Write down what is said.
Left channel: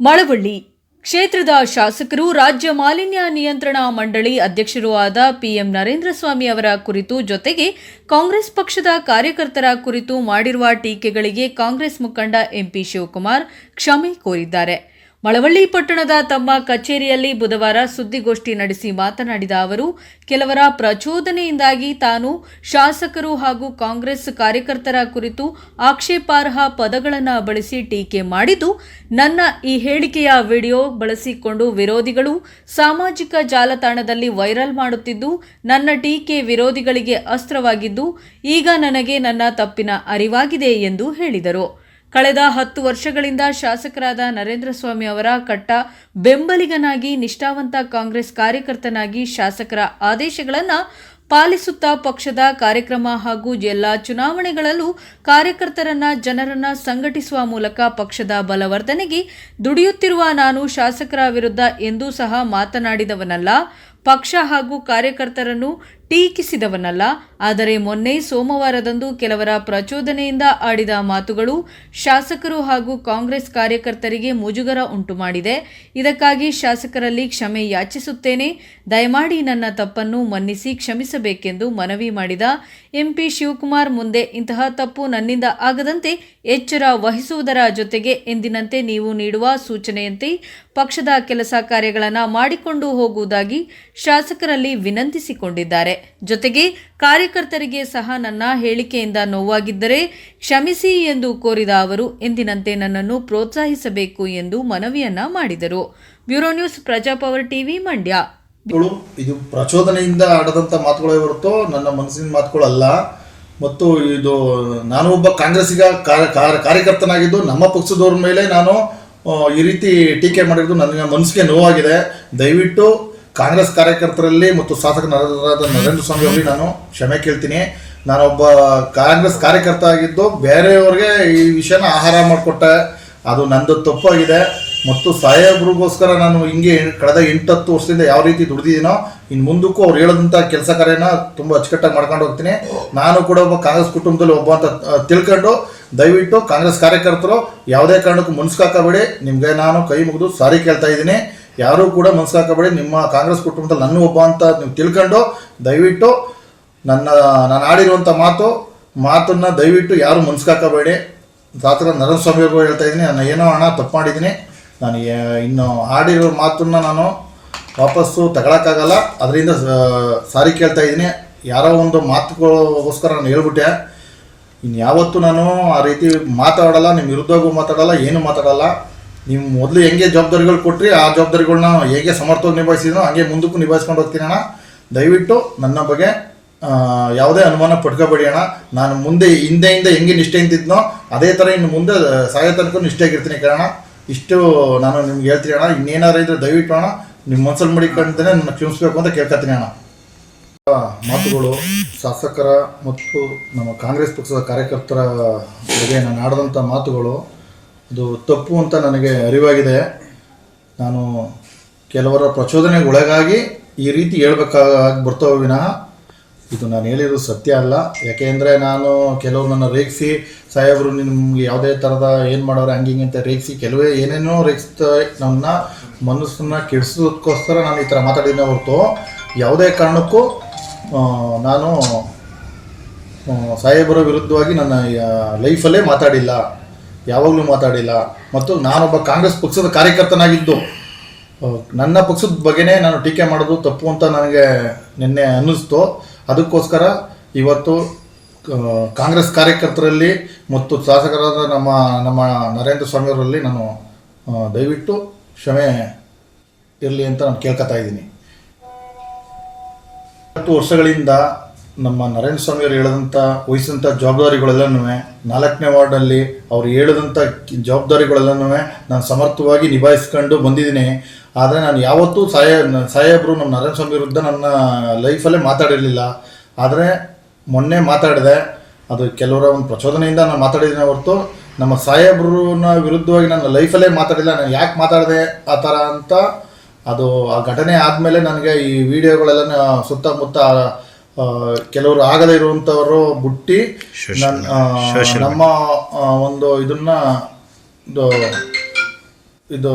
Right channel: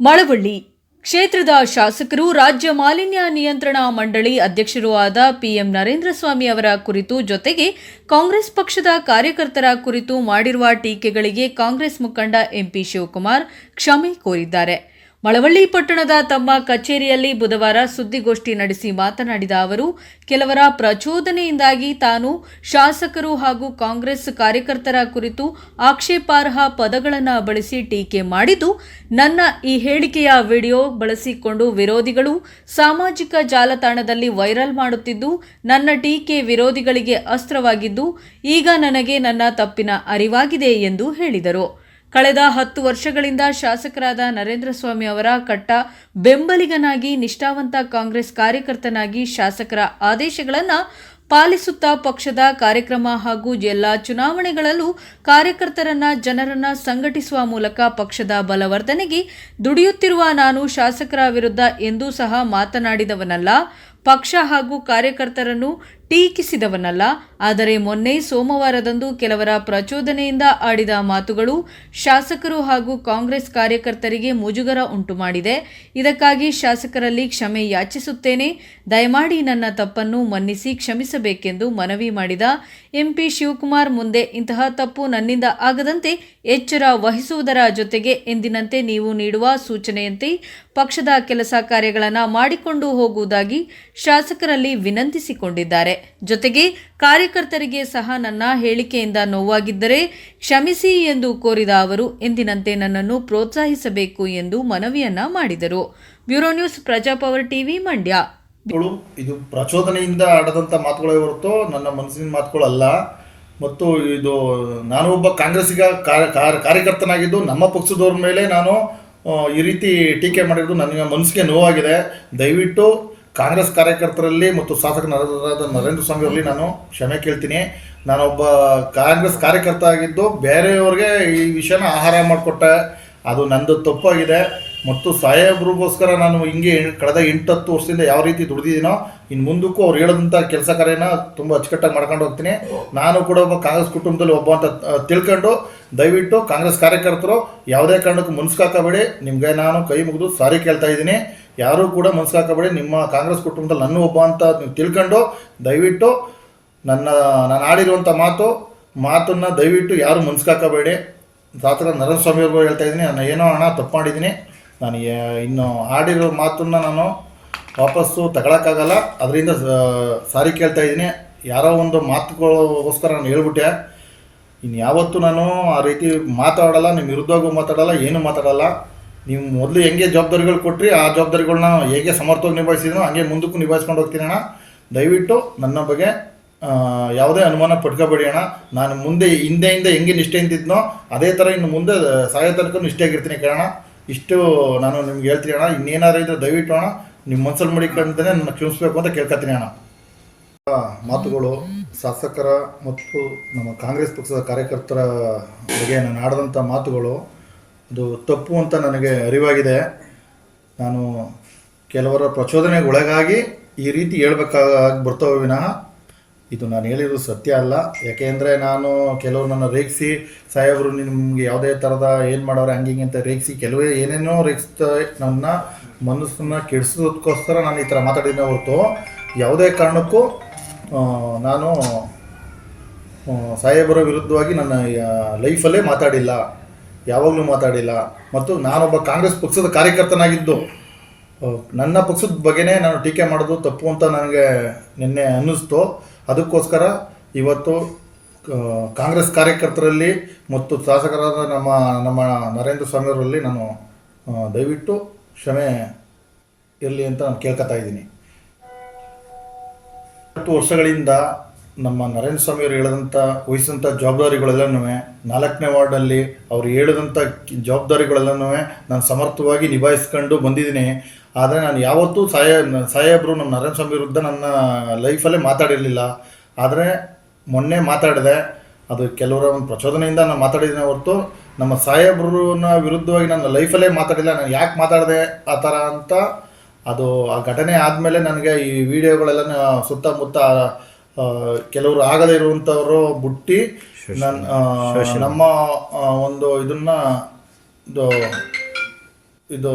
ಮಳವಳ್ಳಿ. ಕ್ಷೇತ್ರದ ಶಾಸಕರು ರಾಜ್ಯ ಮಾಲಿನ್ಯ ನಿಯಂತ್ರಣ ಮಂಡಳಿ ಅಧ್ಯಕ್ಷರೂ ಆದ ಪಿಎಂ ನರೇಂದ್ರ ಸ್ವಾಮಿ ಅವರ ಕುರಿತು ಜೊತೆಗೆ ಕಾಂಗ್ರೆಸ್ ಪಕ್ಷದ ಕಾರ್ಯಕರ್ತರ ಕುರಿತು ಮಾಡಿರುವ ಟೀಕೆಗಳಿಗೆ ಕಾಂಗ್ರೆಸ್ ಮುಖಂಡ ಎಂಪಿ ಶಿವಕುಮಾರ್ ಕ್ಷಮೆ ಕೋರಿದ್ದಾರೆ. ಮಳವಳ್ಳಿ ಪಟ್ಟಣದ ತಮ್ಮ ಕಚೇರಿಯಲ್ಲಿ ಬುಧವಾರ ಸುದ್ದಿಗೋಷ್ಠಿ ನಡೆಸಿ ಮಾತನಾಡಿದ ಅವರು, ಕೆಲವರ ಪ್ರಚೋದನೆಯಿಂದಾಗಿ ತಾನು ಶಾಸಕರು ಹಾಗೂ ಕಾಂಗ್ರೆಸ್ ಕಾರ್ಯಕರ್ತರ ಕುರಿತು ಆಕ್ಷೇಪಾರ್ಹ ಪದಗಳನ್ನು ಬಳಸಿ ಟೀಕೆ ಮಾಡಿದ್ದು, ನನ್ನ ಈ ಹೇಳಿಕೆಯ ವಿಡಿಯೋ ಬಳಸಿಕೊಂಡು ವಿರೋಧಿಗಳು ಸಾಮಾಜಿಕ ಜಾಲತಾಣದಲ್ಲಿ ವೈರಲ್ ಮಾಡುತ್ತಿದ್ದು, ನನ್ನ ಟೀಕೆ ವಿರೋಧಿಗಳಿಗೆ ಅಸ್ತ್ರವಾಗಿದ್ದು, ಈಗ ನನಗೆ ನನ್ನ ತಪ್ಪಿನ ಅರಿವಾಗಿದೆ ಎಂದು ಹೇಳಿದರು. ಕಳೆದ ಹತ್ತು ವರ್ಷಗಳಿಂದ ಶಾಸಕರಾದ ನರೇಂದ್ರ ಸ್ವಾಮಿ ಅವರ ಕಟ್ಟ ಬೆಂಬಲಿಗನಾಗಿ ನಿಷ್ಠಾವಂತ ಕಾಂಗ್ರೆಸ್ ಕಾರ್ಯಕರ್ತನಾಗಿ ಶಾಸಕರ ಆದೇಶಗಳನ್ನು ಪಾಲಿಸುತ್ತಾ ಪಕ್ಷದ ಕಾರ್ಯಕ್ರಮ ಹಾಗೂ ಎಲ್ಲ ಚುನಾವಣೆಗಳಲ್ಲೂ ಕಾರ್ಯಕರ್ತರನ್ನ, ಜನರನ್ನ ಸಂಘಟಿಸುವ ಮೂಲಕ ಪಕ್ಷದ ಬಲವರ್ಧನೆಗೆ ದುಡಿಯುತ್ತಿರುವ ನಾನು ಶಾಸಕರ ವಿರುದ್ಧ ಎಂದೂ ಸಹ ಮಾತನಾಡಿದವನಲ್ಲ. ಪಕ್ಷ ಹಾಗೂ ಕಾರ್ಯಕರ್ತರನ್ನು ಟೀಕಿಸಿದವನಲ್ಲ, ಆದರೆ ಮೊನ್ನೆ ಸೋಮವಾರದಂದು ಕೆಲವರ ಪ್ರಚೋದನೆಯಿಂದ ಆಡಿದ ಮಾತುಗಳು ಶಾಸಕರು ಹಾಗೂ ಕಾಂಗ್ರೆಸ್ ಕಾರ್ಯಕರ್ತರಿಗೆ ಮುಜುಗರ ಉಂಟು ಮಾಡಿದೆ ಇದಕ್ಕಾಗಿ ಶಾಸಕರಲ್ಲಿ ಕ್ಷಮೆ ಯಾಚಿಸುತ್ತೇನೆ. ದಯಮಾಡಿ ನನ್ನ ತಪ್ಪನ್ನು ಮನ್ನಿಸಿ ಕ್ಷಮಿಸಬೇಕೆಂದು ಮನವಿ ಮಾಡಿದ ಎಂಪಿ ಶಿವಕುಮಾರ್ ಮುಂದೆ ಇಂತಹ ತಪ್ಪು ನನ್ನಿಂದ ಆಗದಂತೆ ಎಚ್ಚರ ವಹಿಸುವುದರ ಜೊತೆಗೆ ಎಂದಿನಂತೆ ನೀವು ನೀಡುವ ಸೂಚನೆಯಂತೆ ಪಕ್ಷದ ಕೆಲಸ ಕಾರ್ಯಗಳನ್ನು ಮಾಡಿಕೊಂಡು ಹೋಗುವುದಾಗಿ ಶಾಸಕರಲ್ಲಿ ವಿನಂತಿಸಿಕೊಂಡಿದ್ದಾರೆ. ಜೊತೆಗೆ ಕಾರ್ಯಕರ್ತರಿಗೆ ಸಹ ನನ್ನ ಹೇಳಿಕೆಯಿಂದ ನೋವಾಗಿದ್ದರೆ ಕ್ಷಮಿಸಿ ಎಂದು ಕೋರಿದ ಅವರು ಎಂದಿನಂತೆ ನನ್ನನ್ನು ಪ್ರೋತ್ಸಾಹಿಸಬೇಕು ಎಂದು ಮನವಿಯನ್ನ ಮಾಡಿದರು. Bureau news Praja power TV Mandya. ಇದು ಪ್ರಚೋದನೆಯಿಂದ ಆಡದಂತ ಮಾತುಗಳೇ ಹೊರತು ನನ್ನ ಮನಸ್ಸಿನ ಮಾತುಗಳಲ್ಲ ಮತ್ತು ಇದು ನಾನು ಒಬ್ಬ ಕಾಂಗ್ರೆಸ್ಸಿಗ ಕಾರ್ಯ ಕಾರ್ಯ- ಕಾರ್ಯಕರ್ತನಾಗಿದ್ದು ನಮ್ಮ ಪಕ್ಷದವ್ರ ಮೇಲೆ ನಾನು ಈ ರೀತಿ ಟೀಕೆ ಮಾಡಿರೋದು ನನ್ನ ಮನಸ್ಸಿಗೆ ನೋವಾಗಿದೆ. ದಯವಿಟ್ಟು ಕಾಂಗ್ರೆಸ್ ಕಾರ್ಯಕರ್ತರಲ್ಲಿ ಮತ್ತು ಶಾಸಕರಾದ ನರೇಂದ್ರ ಸ್ವಾಮಿ ಅವರಿಗೆ ನಾನು ಕ್ಷಮೆ ಕೇಳ್ತೀನಿ. ನಾನೊಬ್ಬ ಕಾಂಗ್ರೆಸ್ ಕಾರ್ಯಕರ್ತ ಆಗಿದ್ದು ಬೇರೆಯವ್ರಿಗೆ ಈ ವಿಷಯನ ಆಹಾರ ಮಾಡಿಕೊಟ್ಟೆ. ಅದು ನಂದು ತಪ್ಪಾಗಿದೆ. ಮತ್ತು ಸಾಹೇಬ್ರಿಗೋಸ್ಕರ ನಾನು ಹಿಂಗೆ ಕಳೆದ ಎಂಟತ್ತು ವರ್ಷದಿಂದ ಯಾವ ರೀತಿ ದುಡಿದಿದ್ದೀನೋ ಇನ್ನು ಮುಂದಕ್ಕೂ ಅವ್ರು ಹೇಳೋದಂಥ ಕೆಲಸ ಕಾರ್ಯನ ತುಂಬ ಅಚ್ಚುಕಟ್ಟಾಗಿ ಮಾಡ್ಕೊಂಡು ಹೋಗ್ತೀನಿ. ನಾನು ಕೂಡ ಒಬ್ಬ ಕಾಂಗ್ರೆಸ್ ಕುಟುಂಬದಲ್ಲಿ ಒಬ್ಬ ಅಂತ ತಿಳ್ಕೊಂಡು ದಯವಿಟ್ಟು ಕಾಂಗ್ರೆಸ್ ಕಾರ್ಯಕರ್ತರು ಯಾವುದೇ ಕಾರಣಕ್ಕೂ ಮುನ್ಸ್ಕಾಕಬೇಡಿ ನಿಮಗೆ ನಾನು ಕೈ ಮುಗಿದು ಸಾರಿ ಕೇಳ್ತಾ ಇದ್ದೀನಿ. ಯಾರೂ ಕೂಡ ಮನ್ಸ್ಕಾಕಬೇಡಿ ನಿಮ್ಮ ಕಾಂಗ್ರೆಸ್ ಕುಟುಂಬದಲ್ಲಿ ನನ್ನ ಒಬ್ಬ ಅಂತ ನೀವು ತಿಳ್ಕೊಂಡು ದಯವಿಟ್ಟು ನನ್ನ, ನಾನು ಆಡಿರುವಂಥ ಮಾತು, ಮಾತನ್ನು ದಯವಿಟ್ಟು ಯಾರು ಮನ್ಸ್ಕಾಕಬೇಡಿ ಶಾಸಕ ನರೇಂದ್ರ ಸ್ವಾಮಿ ಅವ್ರಿಗೂ ಹೇಳ್ತಾ ಇದ್ದೀನಿ. ನಾನು ಏನೋ ಹಣ ತಪ್ಪು ಮಾಡಿದ್ದೀನಿ. ನಾನು ಇನ್ನು ಆಡಿರೋ ಮಾತನ್ನ ನಾನು ವಾಪಸ್ಸು ತಗೊಳಕ್ಕಾಗಲ್ಲ. ಅದರಿಂದ ಸಾರಿ ಕೇಳ್ತಾ ಇದ್ದೀನಿ. ಯಾರೋ ಒಂದು ಮಾತುಗಳಿಗೋಸ್ಕರ ನಾನು ಹೇಳ್ಬಿಟ್ಟೆ. ಇನ್ನು ಯಾವತ್ತೂ ನಾನು ಆ ರೀತಿ ಮಾತಾಡಲ್ಲ. ನಿಮ್ಮ ವಿರುದ್ಧವಾಗೂ ಮಾತಾಡಲ್ಲ. ಏನು ಮಾತಾಡಲ್ಲ. ನೀವು ಮೊದಲು ಹೆಂಗೆ ಜವಾಬ್ದಾರಿಗಳು ಕೊಟ್ಟ್ರಿ ಆ ಜವಾಬ್ದಾರಿಗಳನ್ನ ಹೇಗೆ ಸಮರ್ಥವಾಗಿ ನಿಭಾಯಿಸಿದ್ನೋ ಹಾಗೆ ಮುಂದಕ್ಕೂ ನಿಭಾಯಿಸ್ಕೊಂಡು ಹೋಗ್ತೀನಿ ಅಣ್ಣ. ದಯವಿಟ್ಟು ನನ್ನ ಬಗ್ಗೆ ಯಾವುದೇ ಅನುಮಾನ ಪಡ್ಕೋಬೇಡಿ ಅಣ್ಣ. ನಾನು ಮುಂದೆ ಹಿಂದೆಯಿಂದ ಹೆಂಗೆ ನಿಷ್ಠೆ ಅಂತಿದ್ನೋ, ಅದೇ ಥರ ಇನ್ನು ಮುಂದೆ ಸಾಯೋ ತನಕ ನಿಷ್ಠೆಯಾಗಿರ್ತೀನಿ ಕಾರಣ ಇಷ್ಟು ನಾನು ನಿಮ್ಗೆ ಹೇಳ್ತೀನಿ ಅಣ್ಣ. ಇನ್ನೇನಾರು ಇದ್ರೆ ದಯವಿಟ್ಟು ಅಣ್ಣ, ನಿಮ್ಮ ಮನಸ್ಸಲ್ಲಿ ಮಡಿಕೊಂಡ್ರೆ ನನ್ನ ಕ್ಷಮಿಸ್ಬೇಕು ಅಂತ ಕೇಳ್ಕೊತೀನಿ ಅಣ್ಣ. ಮಾತುಗಳು, ಶಾಸಕರ ಮತ್ತು ನಮ್ಮ ಕಾಂಗ್ರೆಸ್ ಪಕ್ಷದ ಕಾರ್ಯಕರ್ತರ ಬಗ್ಗೆ ನಾನು ಆಡಿದಂಥ ಮಾತುಗಳು ಇದು ತಪ್ಪು ಅಂತ ನನಗೆ ಅರಿವಾಗಿದೆ. ನಾನು ಕೆಲವರ ಪ್ರಚೋದನೆಗೆ ಒಳಗಾಗಿ ಈ ರೀತಿ ಹೇಳ್ಬೇಕಾಗಿ ಬರ್ತವೆ ವಿನಃ ಇದು ನಾನು ಹೇಳಿರೋದು ಸತ್ಯ ಅಲ್ಲ. ಯಾಕೆಂದರೆ ನಾನು ಕೆಲವರು ನನ್ನ ರೇಗಿಸಿ, ಸಾಹೇಬರು ನಿಮ್ಗೆ ಯಾವುದೇ ಥರದ ಏನು ಮಾಡೋರು ಹಂಗೆ ಅಂತ ರೇಗಿಸಿ ಕೆಲವೇ ಏನೇನೋ ರೇಗಿಸ್ತಾ ನನ್ನ ಮನಸ್ಸನ್ನ ಕೆಡಿಸೋದಕ್ಕೋಸ್ಕರ ನಾನು ಈ ಥರ ಮಾತಾಡಿದ್ದೆ ಹೊರತು ಯಾವುದೇ ಕಾರಣಕ್ಕೂ ನಾನು ಸಾಹೇಬರ ವಿರುದ್ಧವಾಗಿ ನನ್ನ ಲೈಫಲ್ಲೇ ಮಾತಾಡಿಲ್ಲ. ಯಾವಾಗಲೂ ಮಾತಾಡಿಲ್ಲ. ಮತ್ತು ನಾನೊಬ್ಬ ಕಾಂಗ್ರೆಸ್ ಪಕ್ಷದ ಕಾರ್ಯಕರ್ತನಾಗಿದ್ದು ನನ್ನ ಪಕ್ಷದ ಬಗ್ಗೆನೇ ನಾನು ಟೀಕೆ ಮಾಡೋದು ತಪ್ಪು ಅಂತ ನನಗೆ ನಿನ್ನೆ ಅನ್ನಿಸ್ತು. ಅದಕ್ಕೋಸ್ಕರ ಇವತ್ತು ಕಾಂಗ್ರೆಸ್ ಕಾರ್ಯಕರ್ತರಲ್ಲಿ ಮತ್ತು ಶಾಸಕರಾದ ನಮ್ಮ ನಮ್ಮ ನರೇಂದ್ರ ಸ್ವಾಮಿಯವರಲ್ಲಿ ನಾನು ದಯವಿಟ್ಟು ಕ್ಷಮೆ ಇರಲಿ ಅಂತ ನಾನು ಕೇಳ್ಕೊತಾ ಇದ್ದೀನಿ. ಹತ್ತು ವರ್ಷಗಳಿಂದ ನಮ್ಮ ನರೇಂದ್ರ ಸ್ವಾಮಿಯವರು ಹೇಳಿದಂಥ ವಹಿಸಿದಂಥ ಜವಾಬ್ದಾರಿಗಳೆಲ್ಲನೂ ನಾಲ್ಕನೇ ವಾರ್ಡಲ್ಲಿ ಅವ್ರು ಹೇಳಿದಂಥ ಜವಾಬ್ದಾರಿಗಳೆಲ್ಲನೂ ನಾನು ಸಮರ್ಥವಾಗಿ ನಿಭಾಯಿಸ್ಕೊಂಡು ಬಂದಿದ್ದೀನಿ. ಆದರೆ ನಾನು ಯಾವತ್ತೂ ಸಾಯ, ಸಾಹೇಬರು ನಮ್ಮ ನರೇಂದ್ರ ಸ್ವಾಮಿ ವಿರುದ್ಧ ನನ್ನ ಲೈಫಲ್ಲೇ ಮಾತಾಡಿರಲಿಲ್ಲ. ಆದರೆ ಮೊನ್ನೆ ಮಾತಾಡಿದೆ. ಅದು ಕೆಲವರ ಒಂದು ಪ್ರಚೋದನೆಯಿಂದ ನಾನು ಮಾತಾಡಿದ್ದೀನಿ ಹೊರತು ನಮ್ಮ ಸಾಹೇಬ್ರನ್ನ ವಿರುದ್ಧವಾಗಿ ನನ್ನ ಲೈಫಲ್ಲೇ ಮಾತಾಡಿಲ್ಲ. ನಾನು ಯಾಕೆ ಮಾತಾಡಿದೆ ಆ ಥರ ಅಂತ ಅದು ಆ ಘಟನೆ ಆದಮೇಲೆ ನನಗೆ ಈ ವಿಡಿಯೋಗಳೆಲ್ಲ ಸುತ್ತಮುತ್ತ ಕೆಲವರು ಆಗದೇ ಇರುವಂಥವರು ಬುಟ್ಟಿ ನಮ್ಮ ಒಂದು ಇದನ್ನ ಇದು ಇದು